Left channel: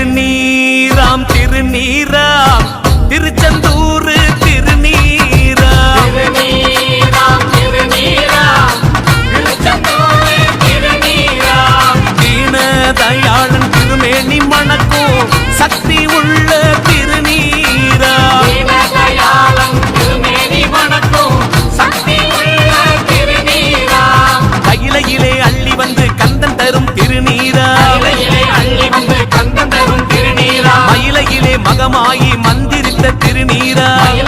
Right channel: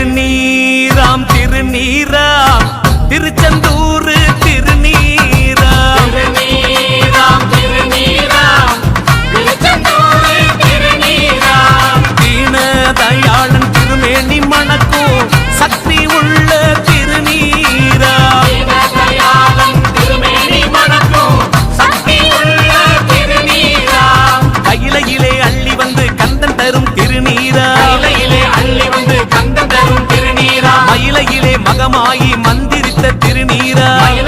திருநீராம் திருநீராம் திருச்செந்தூர் திருநீராம் தீனதயாளன் திருமேனி மணக்கும் சக்தி உள்ள திருநீராம் கையிலையிலே அள்ளி வந்து கந்தன் தரும் திருநீராம் மயிலையிலே மகமாயி மந்திரித்த திருநீராம்